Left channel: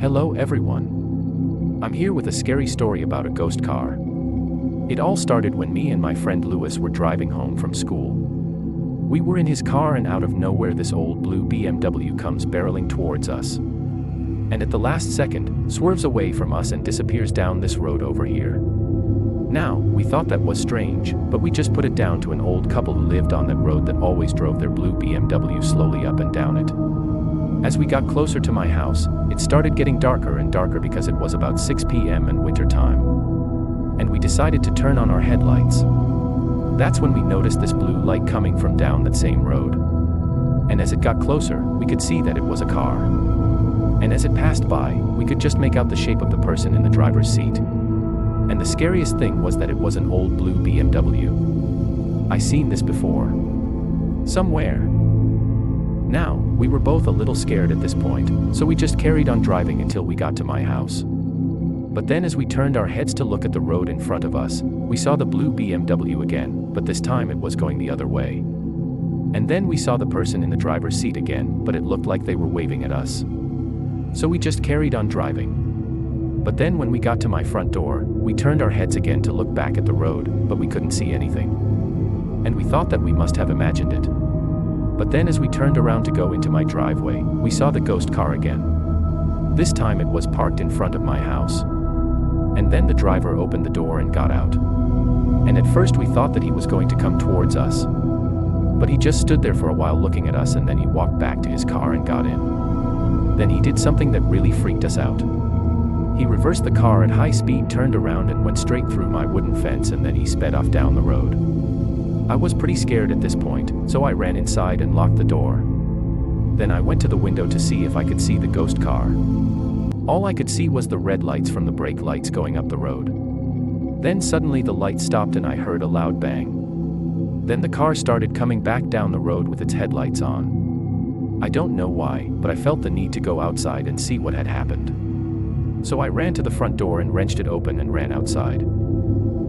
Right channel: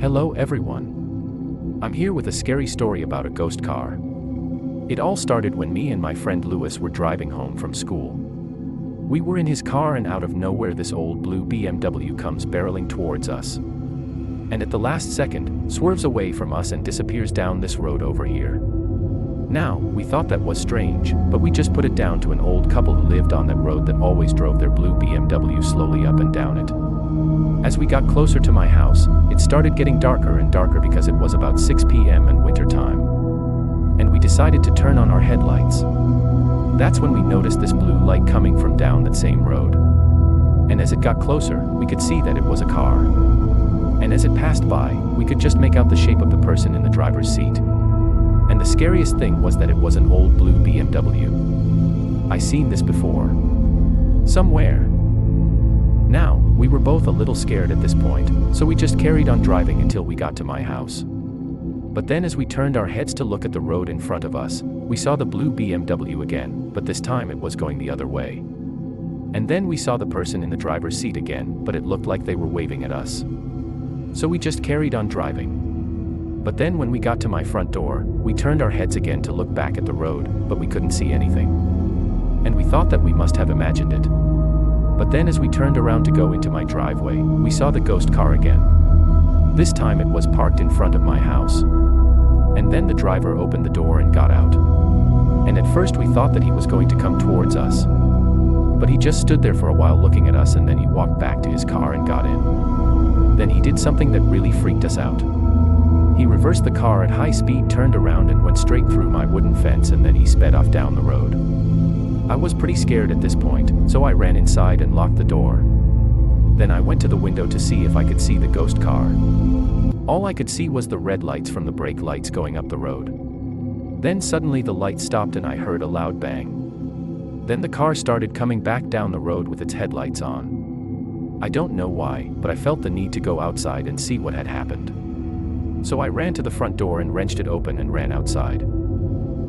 Hello everyone. I'm here with a scary story about a ghost car. It all started when me and my friend Lewis were driving home from school. We were in his car and out of nowhere this old blue BMW comes barreling towards us. And at the last second, swerves away from us and disappears down this road over here. Now, we thought that was strange, but we just put it down to an old couple who lived on that road that always drove their blue BMW slowly up and down it. As we got closer to my house, it started getting darker and darker because it was about 6 p.m. and winter time. And we decided to turn on our headlights. That's when we noticed this blue light coming from down that same road. And as it got closer, we could see that it was a car. And as it passed by, we could just make out the shape of the person in the driver's seat. And the scariest thing was that it was an old blue BMW. I seen this before. Somewhere. Now, we were both a little scared at this point, so we just carried on driving until we got to my house. But then as we turned our heads to look at the road in front of us, we saw the blue BMW again, but this time it was going the other way. And then we saw the person in the driver's seat again, but it looked like they were waving at us. So we just carried on driving. But then when we got to my front door, we turned our heads again to look back at the road, but we couldn't see anything. And we thought that we must have imagined it. But then as we turned around to go into my driveway, we saw the ghost car again. This time it was parked in front of my house. And then the driver opened the door and got out. And at first we thought that he was going to come towards us. But he just stood there for a while looking at us, and then he walked back to his car and got in. Then he did something that really freaked us out. He reversed the car at high speed, turned around and went straight through my wooden fence, and then he sped off down the road. I was pretty scared at this point, so I ran inside and locked the door. Then I went to the window to see if I could see the ghost car. All I could see was the red lights from the brake lights going up the road. Then suddenly the light stopped and I heard a loud bang. Then the car started coming back down the road with its headlights on. I don't know why, but I felt the need to go outside and see what had happened. So I ran to the front door and wrenched it open and ran outside.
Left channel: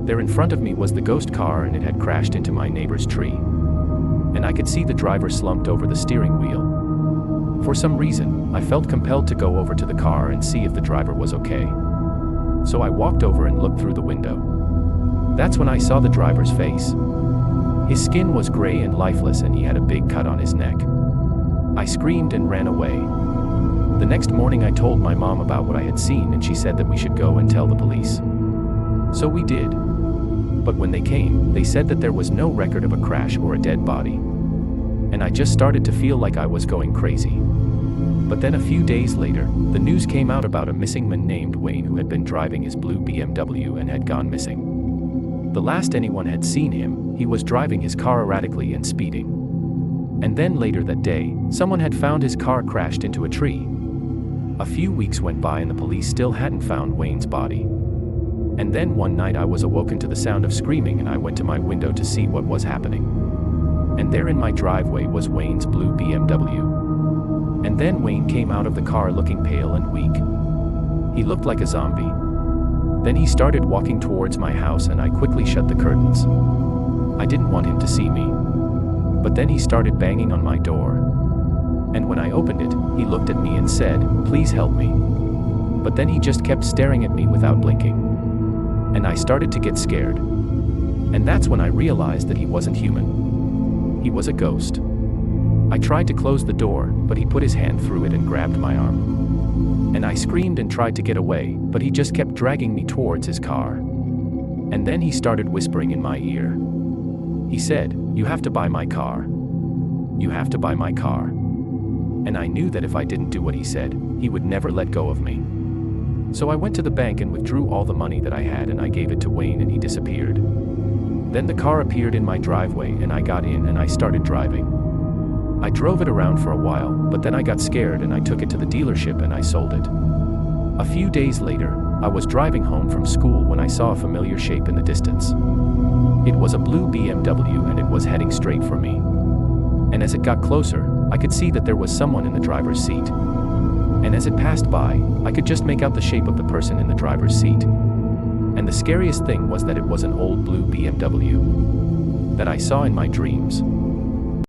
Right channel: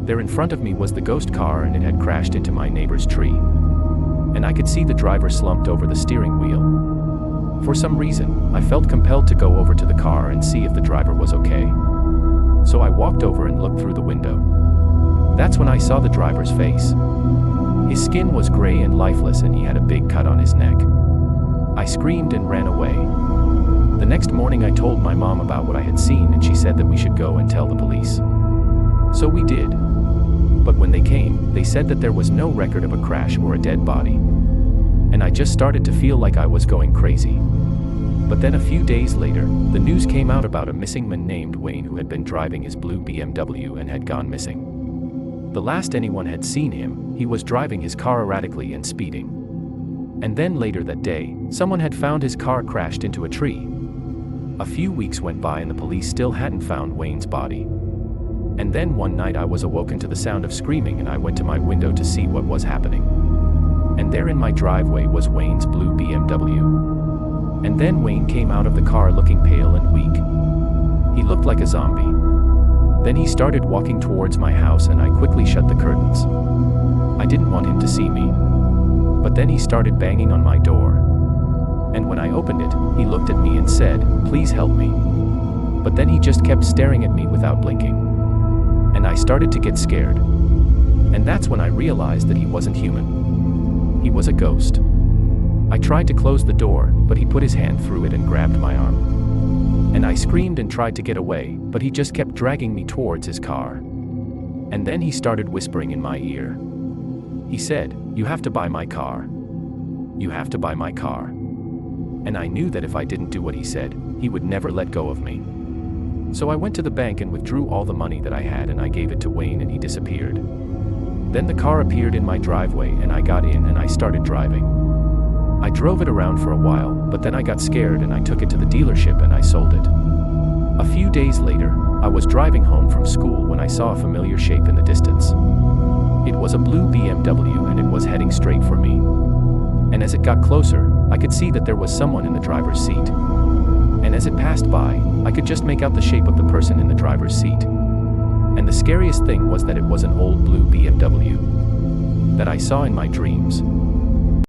There in front of me was the ghost car, and it had crashed into my neighbor's tree. And I could see the driver slumped over the steering wheel. For some reason, I felt compelled to go over to the car and see if the driver was okay. So I walked over and looked through the window. That's when I saw the driver's face. His skin was gray and lifeless, and he had a big cut on his neck. I screamed and ran away. The next morning I told my mom about what I had seen, and she said that we should go and tell the police. So we did. But when they came, they said that there was no record of a crash or a dead body. And I just started to feel like I was going crazy. But then a few days later, the news came out about a missing man named Wayne who had been driving his blue BMW and had gone missing. The last anyone had seen him, he was driving his car erratically and speeding. And then later that day, someone had found his car crashed into a tree. A few weeks went by and the police still hadn't found Wayne's body. And then one night I was awoken to the sound of screaming, and I went to my window to see what was happening. And there in my driveway was Wayne's blue BMW. And then Wayne came out of the car looking pale and weak. He looked like a zombie. Then he started walking towards my house, and I quickly shut the curtains. I didn't want him to see me. But then he started banging on my door. And when I opened it, he looked at me and said, "Please help me." But then he just kept staring at me without blinking. And I started to get scared. And that's when I realized that he wasn't human. He was a ghost. I tried to close the door, but he put his hand through it and grabbed my arm. And I screamed and tried to get away, but he just kept dragging me towards his car. And then he started whispering in my ear. He said, "You have to buy my car. You have to buy my car." And I knew that if I didn't do what he said, he would never let go of me. So I went to the bank and withdrew all the money that I had, and I gave it to Wayne, and he disappeared. Then the car appeared in my driveway, and I got in and I started driving. I drove it around for a while, but then I got scared and I took it to the dealership and I sold it. A few days later, I was driving home from school when I saw a familiar shape in the distance. It was a blue BMW, and it was heading straight for me. And as it got closer, I could see that there was someone in the driver's seat. And as it passed by, I could just make out the shape of the person in the driver's seat. And the scariest thing was that it was an old blue BMW that I saw in my dreams.